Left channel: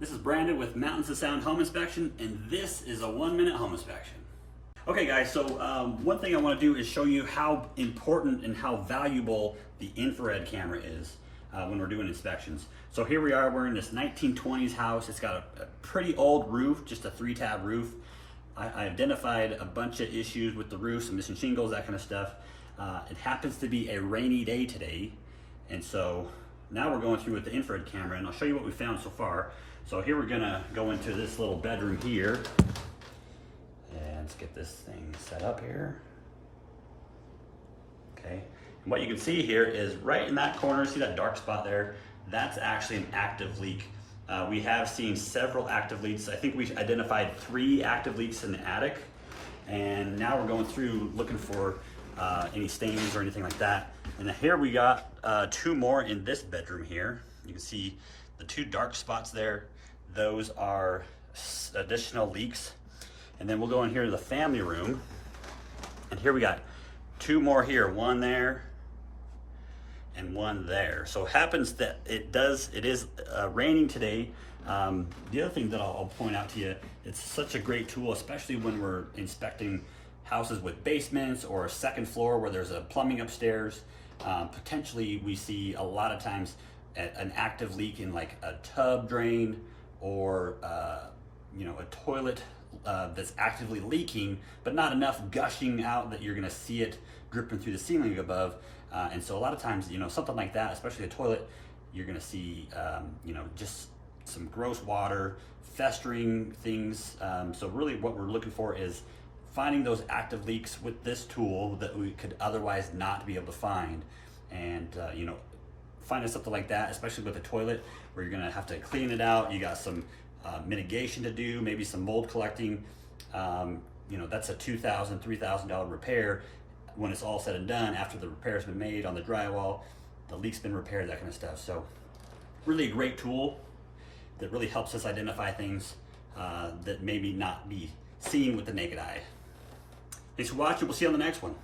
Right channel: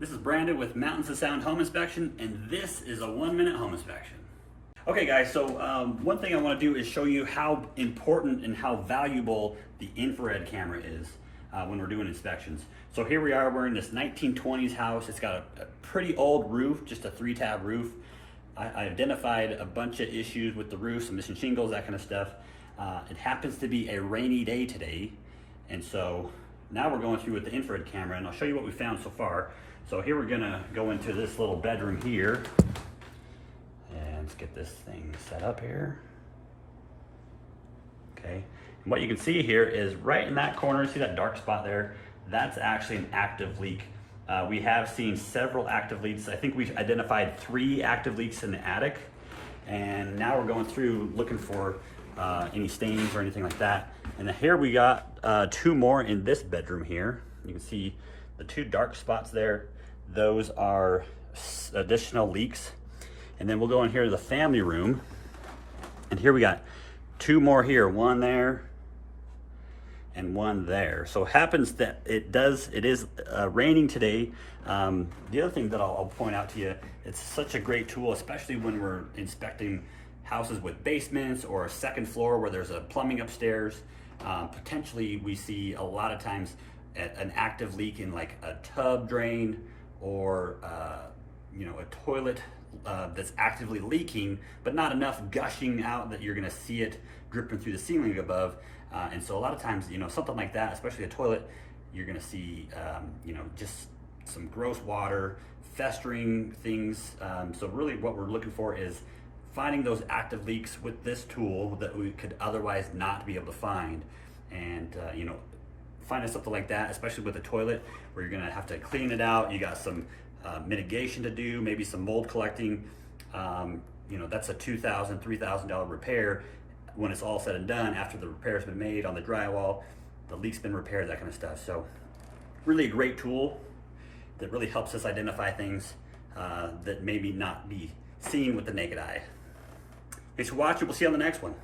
This is Brandon with Mountains of Sound Home Inspection, and this is a 1-minute home inspection. Okay guys, so one thing I want to do is show you how important and how valuable the infrared camera is when we're doing inspections. So here we are, we're in this 1920s house. It's got a pretty old roof, just a 3-tab roof. I identified a bunch of issues with the roof, some missing shingles, that kind of stuff. It happens to be a rainy day today, and so now we're going through with the infrared camera, and I'll show you what we found so far. So here we're gonna go into this little bedroom here, and let's get this thing set up here. Okay, and what you can see here is right in that corner, see that dark spot there? That's actually an active leak. We have seen several active leaks. I think we identified 3 active leaks in the attic, and now we're going through looking for any stains or anything like that. And here we got 2 more in this bedroom here. You can see the 2 dark spots there. Those are additional leaks. And then we'll go in here to the family room, and here we got 2 more here, 1 there and 1 there. So it happens that it is raining today. The other thing that I'll point out to you, it's such a great tool, especially when we're inspecting houses with basements or a 2nd floor where there's a plumbing upstairs. Potentially we see a lot of times an active leak in like a tub drain, or you know, a toilet that's actively leaking, but not enough gushing out that you're gonna see it dripping through the ceiling above. And so a lot of times, you know, something like that, especially a toilet, you're gonna see, you know, just some gross water, festering things. So really what we're looking for is finding those active leaks with this tool that we could otherwise not be able to find. And, you know, finding something like that, especially with a toilet where you're gonna have to clean it out, you got some mitigation to do, maybe some mold collecting, you know, that's a $2,000, $3,000 repair when it's all said and done, after the repair's been made on the drywall, the leak's been repaired, that kind of stuff. So really a great tool that really helps us identify things that maybe not be seen with the naked eye. Thanks for watching, we'll see you on the next one.